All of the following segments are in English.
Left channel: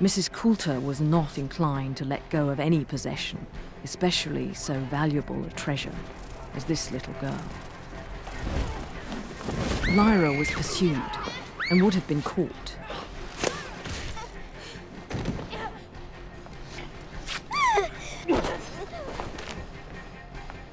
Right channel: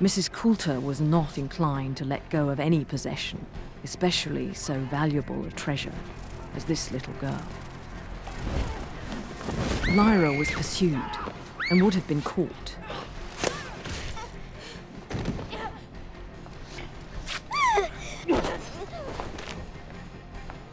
Mrs. Coulter was not inclined to let go of any possession, especially so valuable a treasure as this little girl. Lyra was pursued and would have been caught.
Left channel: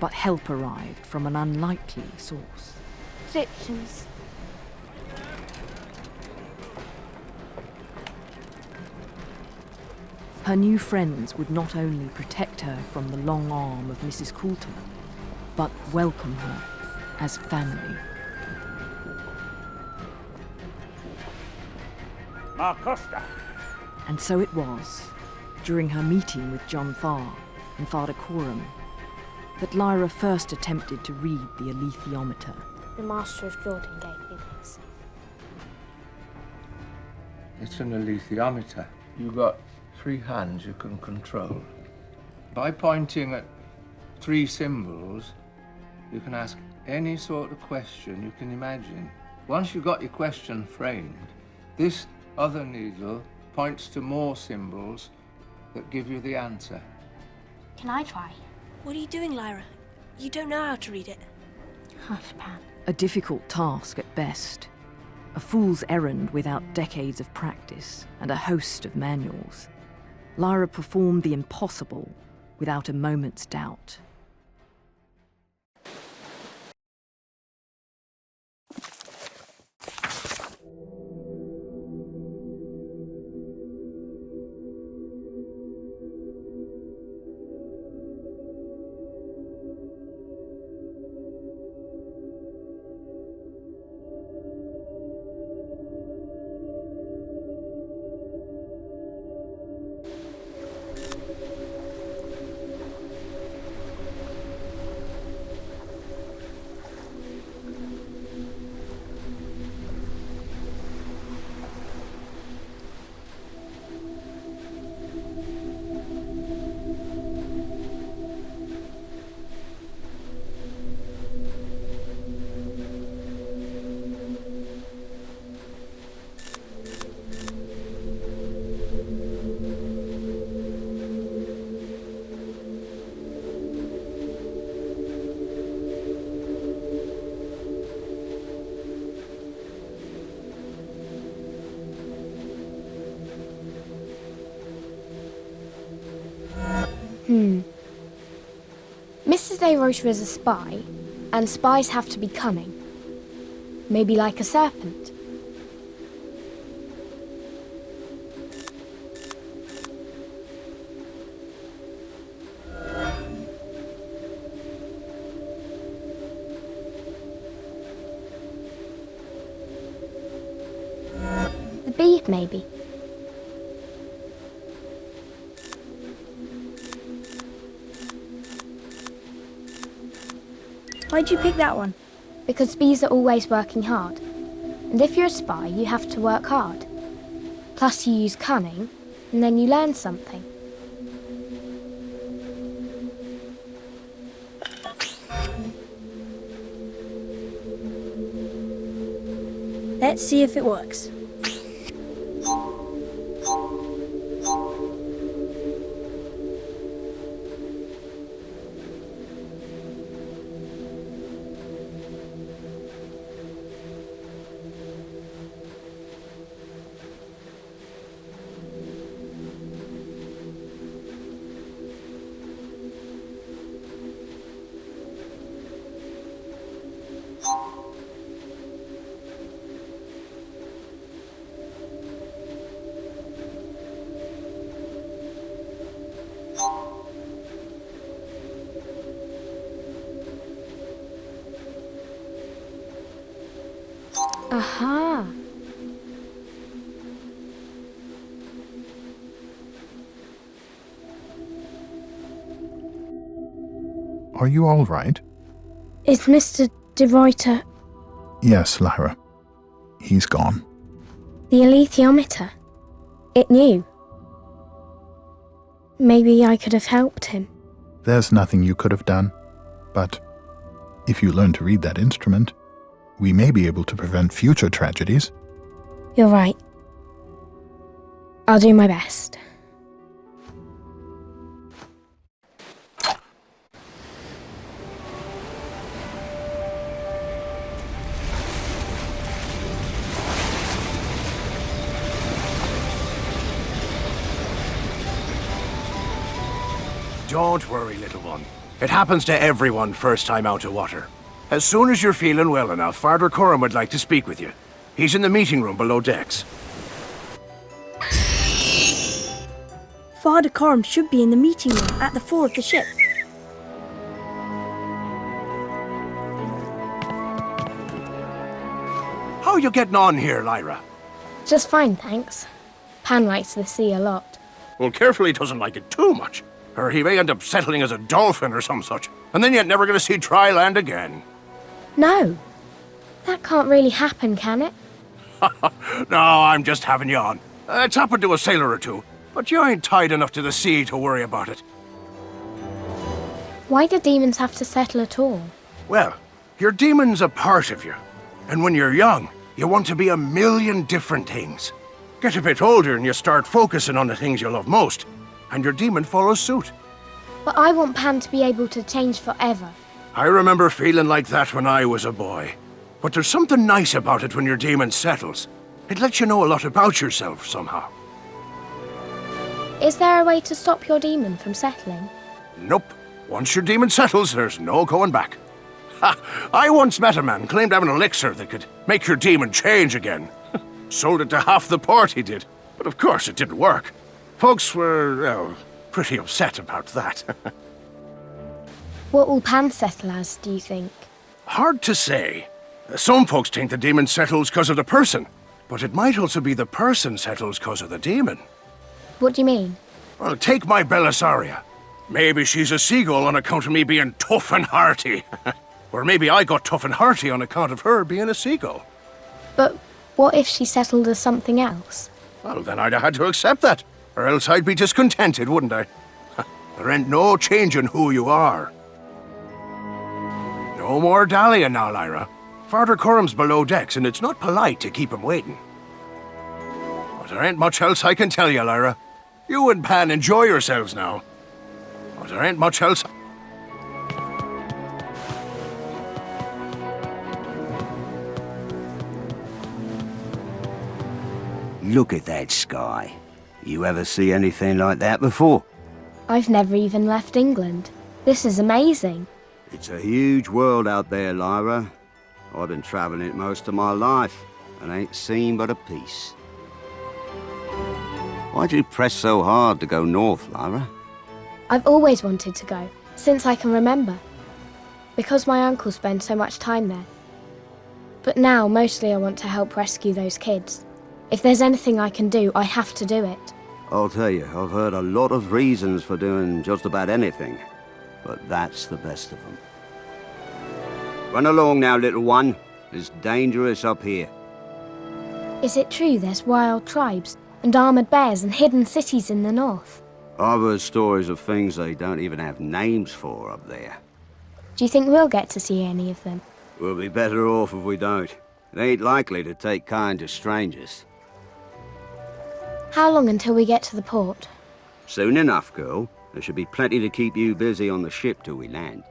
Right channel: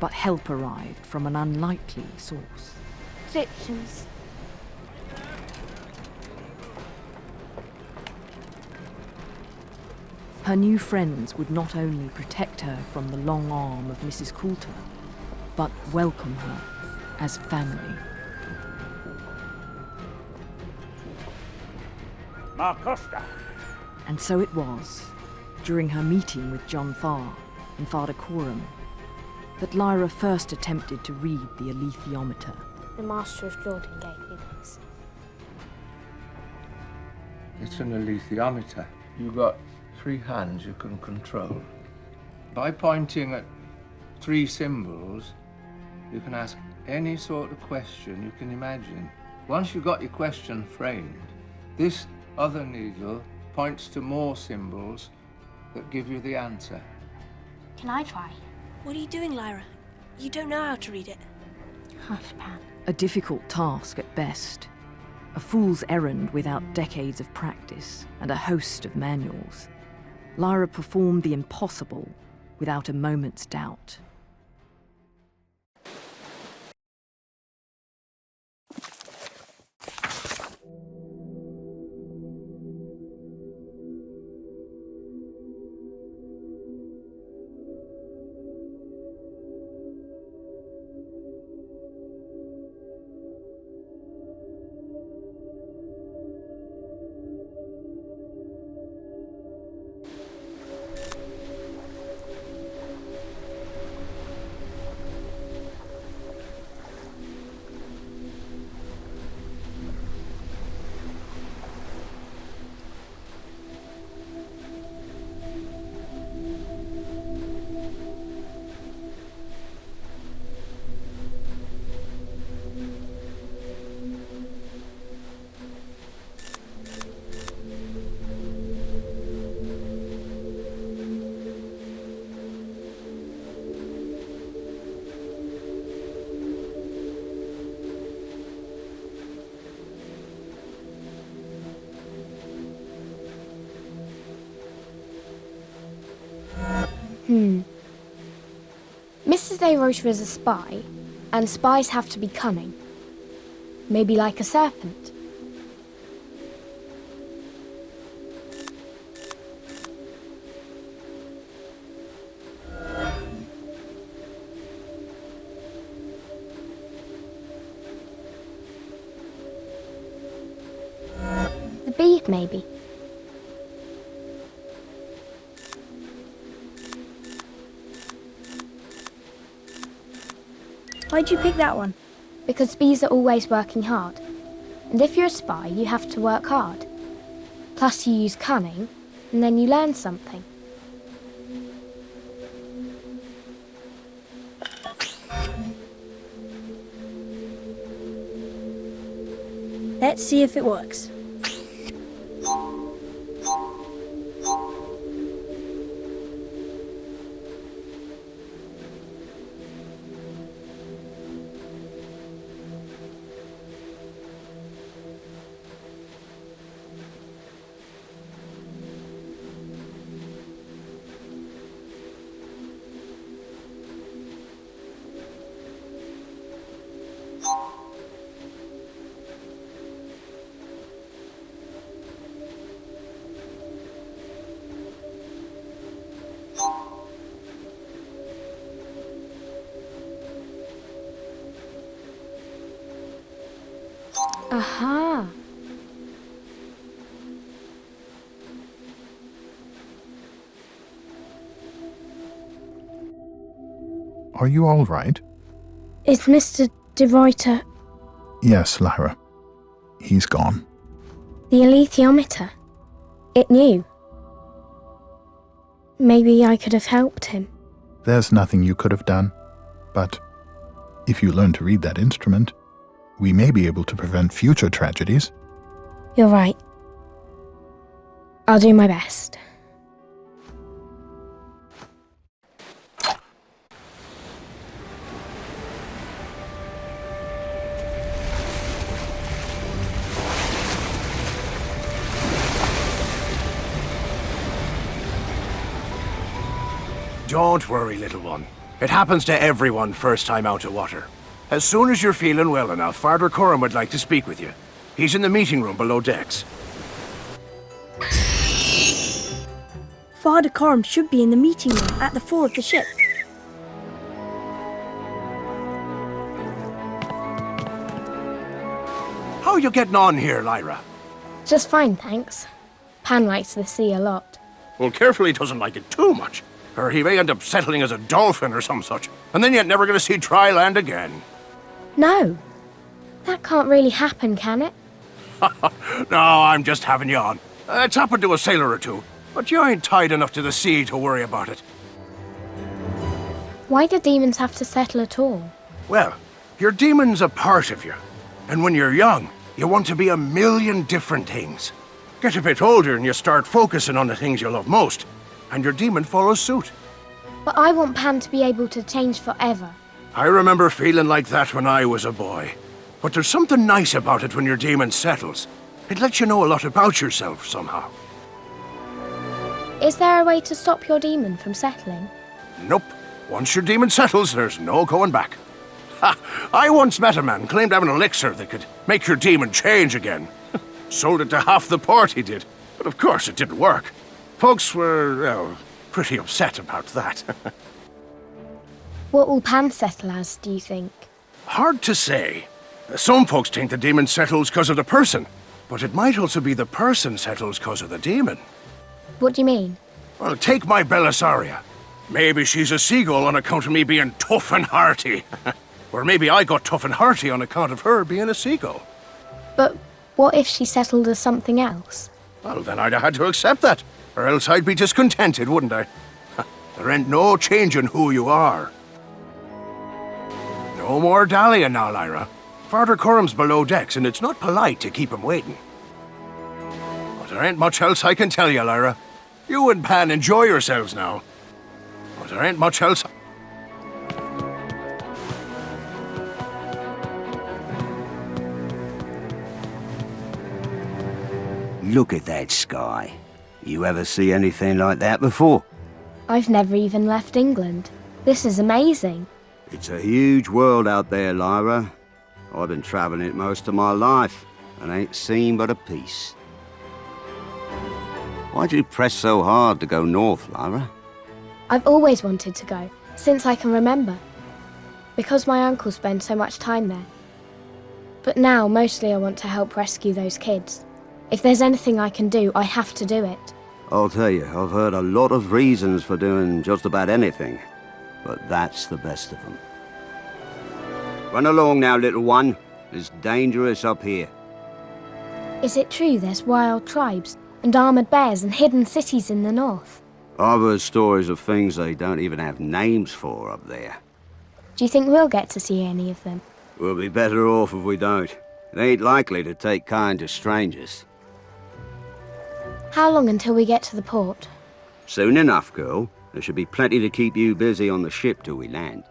But help arrived from an unlikely source. Egyptians. Her new friends would not only protect her from the long arm of Mrs. Coulter, but welcome her as family. Marcosta. And so it was, during her meeting with John Farr and Father Coram, that Lyra first attempted to read the alethiometer. The Master of Jordan gave me this. It's an alethiometer. You've got 3 hands you can control. By pointing at 3 symbols, you can ask any sort of question you can imagine. Once you've got your question framed, this other needle points to more symbols that give you the answer. Can I try? What are you doing, Lyra? You don't know how to read it. Hush, Pan. A difficult task at best. A fool's errand without decades of practice and a host of manuals. Lyra performed the impossible without a moment's doubt. Mrs. De Rota is a spy, and spies have to be cunning. Maybe like a serpent. The bee, maybe. Why'd you pick that one? Because bees are always working hard. And if you're a spy, you have to work hard. Plus you use cunning, and then you learn something. Let's see if it works. Aha! Are you all right? Is Mr. De Ruyter... Yes, Lyra. He's gone. The alethiometer? It knew. Maybe I could have helped him. There's nothing you could have done. But if you learn to read that instrument, we may be able to prevent future tragedies. You're right. I'll do my best. Don't worry, little one. As soon as you're feeling well, Father Carr would like to speak with you. He's in the meeting room below decks. Father Corm should be in the meeting room at the fore of the ship. Just fine, thanks. Pan likes the sea a lot. No! That can't really happen, can it? Why do demons have to settle at all? But I want Pan to be able to change forever. Is there a way to stop your demon from settling? What will Pan settle as, do you think? What do you mean? But what if she settled as something else? I've never even left England. This is amazing. It's a huge world out there, Lyra. I've been travelling it most of my life. I ain't seen but a piece. That's so hard to go north. I've always wanted to go, since I can remember. Because my uncle spends so much time there. But now, mostly I want to help rescue those kids. If there's anything I can do, I have to do it. I'll tell you, I've heard a lot of reasons for doing just about anything. But that's the best of them. Is it true there's wild tribes and armoured bears and hidden cities in the north? I've heard stories of things they don't even have names for up there. Do you think we'll get to see any of them? We'll be better off if we don't. They ain't likely to take kind to strangers. How long until we get to the port? Soon enough, girl. There should be plenty to keep you busy on the ship till we land.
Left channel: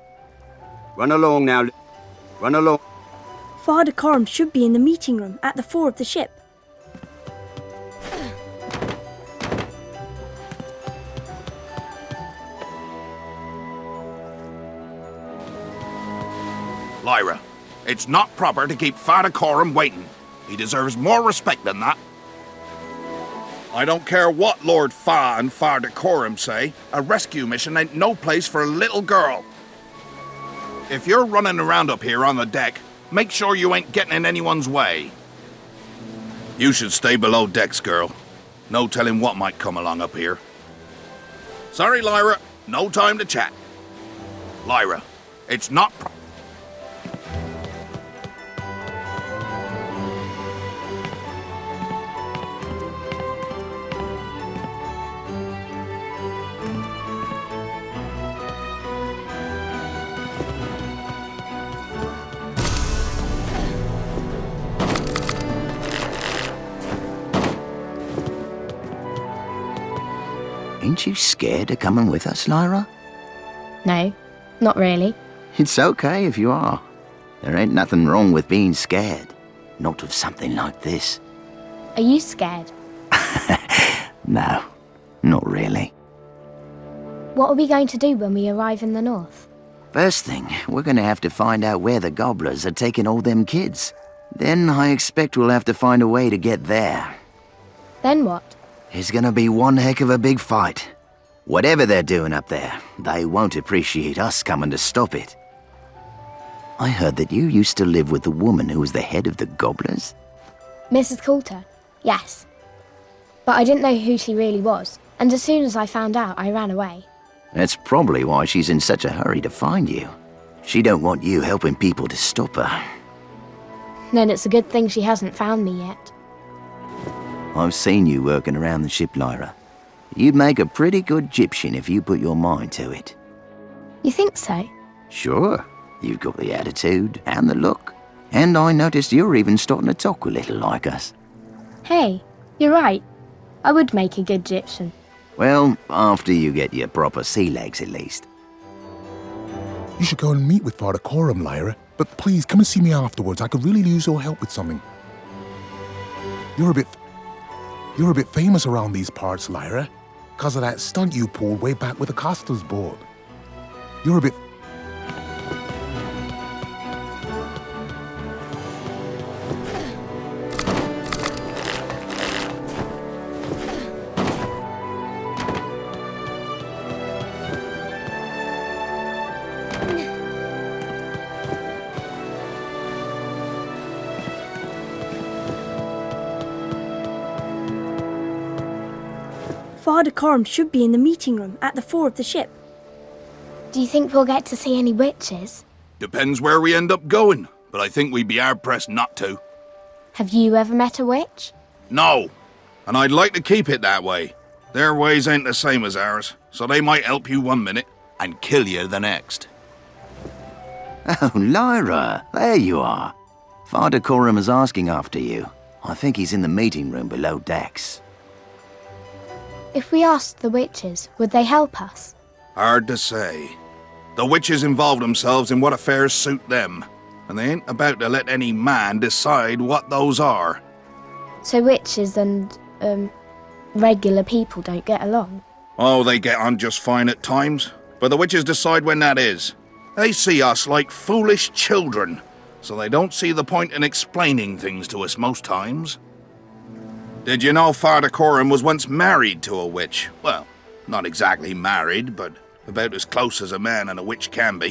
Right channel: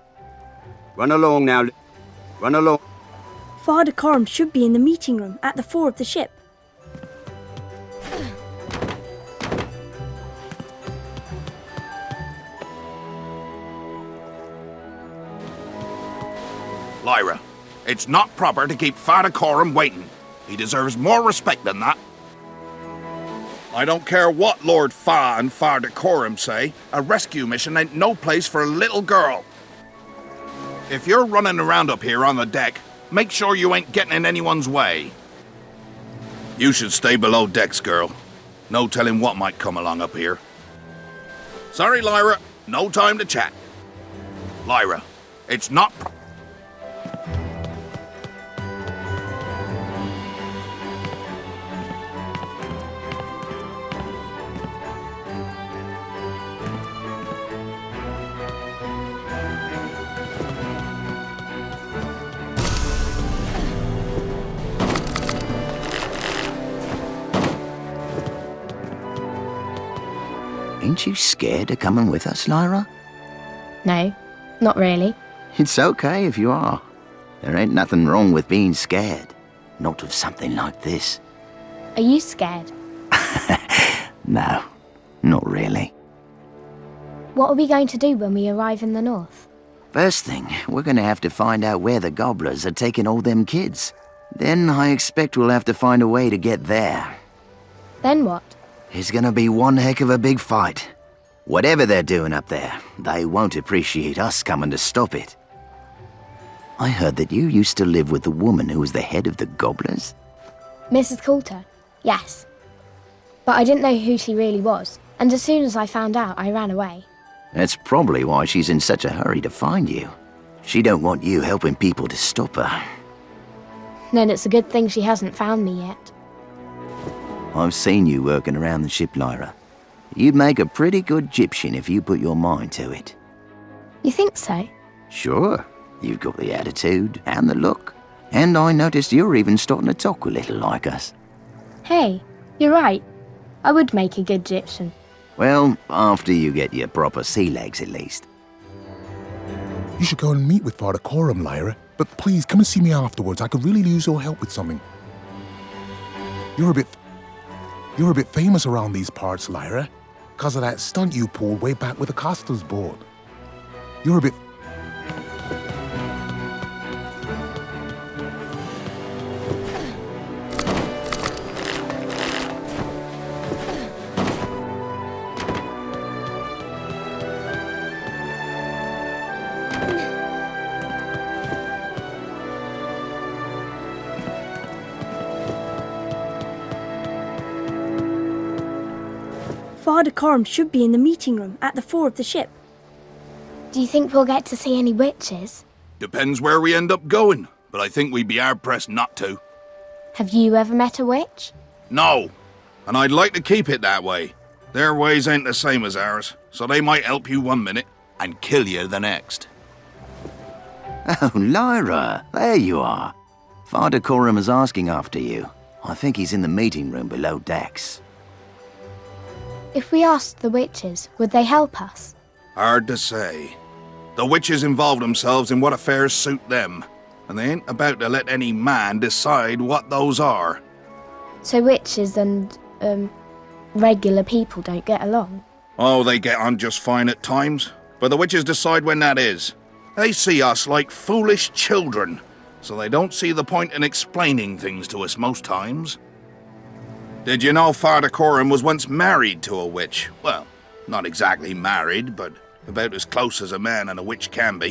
Father Corm should be in the meeting room at the fore of the ship. Stay below decks, girl. Don't tell anyone I come out here. Lyra, no time to tell. Lyra, it's not... No, not really. Are you scared? What are we going to do when we arrive in the north? Then what? Mrs. Coulter? Yes. But I didn't know who she really was, and as soon as I found out, I ran away. Then it's a good thing she hasn't found me yet. You think so? Hey, you're right. I would make a good Egyptian. Father Coram should be in the meeting room at the fore of the ship. Do you think we'll get to see any witches? Depends where we end up going, but I think we'd be hard-pressed not to. Have you ever met a witch? No, and I'd like to keep it that way. Their ways ain't the same as ours, so they might help you one minute and kill you the next. Lyra, there you are. Father Coram is asking after you. I think he's in the meeting room below decks. If we asked the witches, would they help us? Hard to say. The witches involve themselves in what affairs suit them. They ain't prepared to let any man decide what those are. So witches and, regular people don't get along? Oh, they get on just fine at times, but the witches decide when that is. They see us like foolish children, so they don't see the point in explaining things to us most times. You know, Father Coram was once married to a witch. Well, not exactly married, but it was close as a man and a witch can be.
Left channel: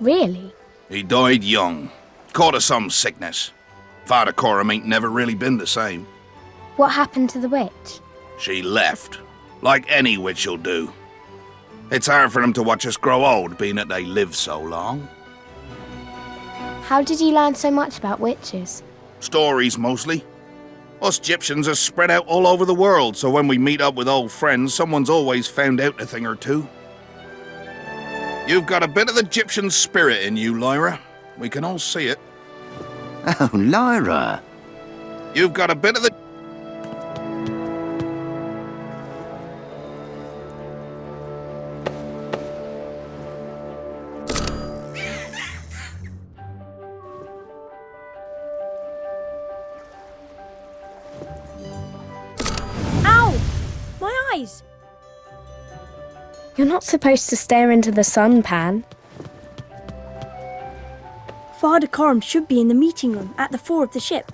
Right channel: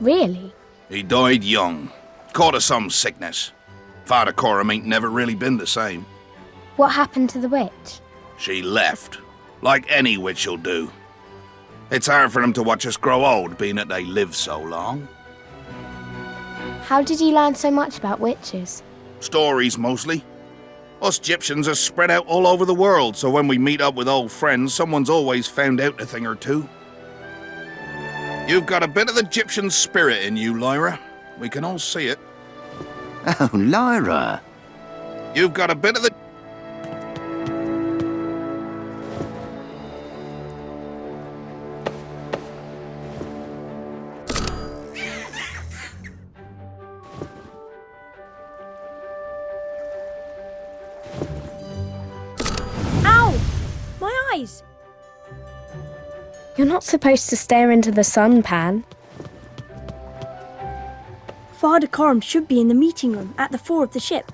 Really? He died young, caught of some sickness. Father Coram ain't never really been the same. What happened to the witch? He left, like any witch would do. It's hard for him to watch us grow old, being that he lived so long. How did you learn so much about witches? Stories mostly. Us Egyptians are spread out all over the world, so when we meet up with old friends, someone's always found everything or two. You've got a bit of the Egyptian spirit in you, Lyra. We can all see it. Lyra. You've got a bit of the... Ow! My eyes! You're not supposed to stare into the sun, Pan. Father Coram should be in the meeting room at the fore of the ship.